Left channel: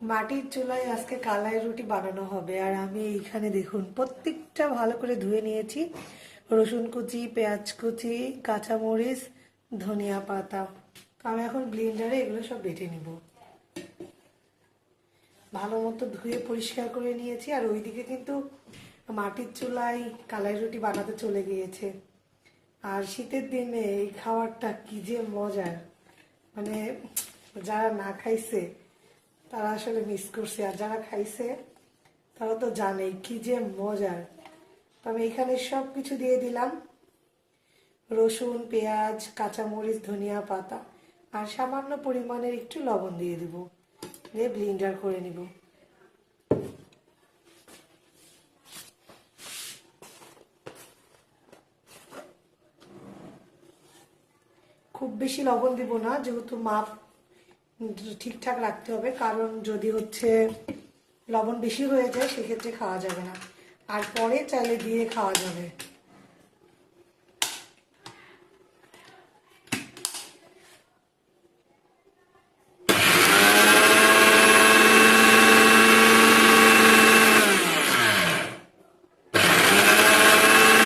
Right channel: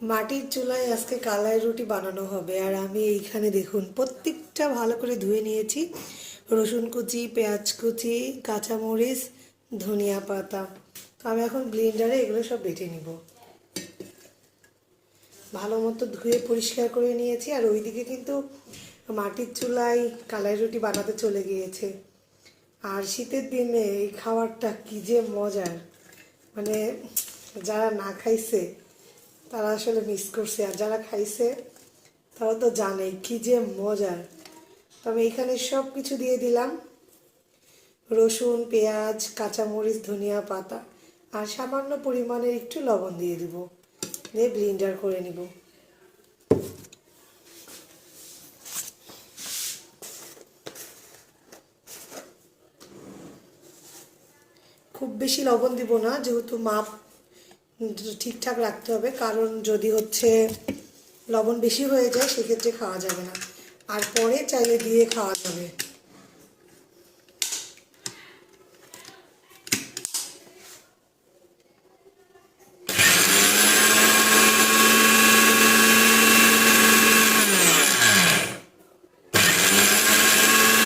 মাটির চুলায় আজকে কালাই রুটি বানানো হবে। আর আমি এইখানে দেখুন প্রত্যেকটা ভালো করে ধুয়ে নিয়েছি। রসুন কুচি, পেঁয়াজ কুচি, কাঁচামরিচ, ধনিয়া পাতা। আমি এখন ব্লেন্ডারে এগুলো সব বেটে নিব। ভালো মতো ধুয়ে পরিষ্কার করে নিয়েছি। আর ওইদিকে কিন্তু মাটির চুলায় কালাই রুটি বানাতে চলে গিয়েছে। আর শীতের দিনে এই খাবারটা কী যে মজার, মানে যারা না খাইছে তারা আসলে মিস করছে, আর যারা খাইছে তারা তো জানে কি যে মজার। তো আমি এখানে সব কিছু দিয়ে দিলাম, রসুন, পেঁয়াজ, কাঁচামরিচ, ধনিয়া পাতা, আর সামান্য পরিমাণের একটু লবণ দিয়ে দিব, দিয়ে ব্লেন্ডার করে নিব। খুব বেশি লবণ দিব না, যেহেতু মাপ ঠিকঠাক রাখতে হবে, কারণ যদি লবণ বেশি হয়ে যায় সেক্ষেত্রে খাওয়া যাবে না, আর পরে চাইলে দিয়ে খাওয়া যাবে।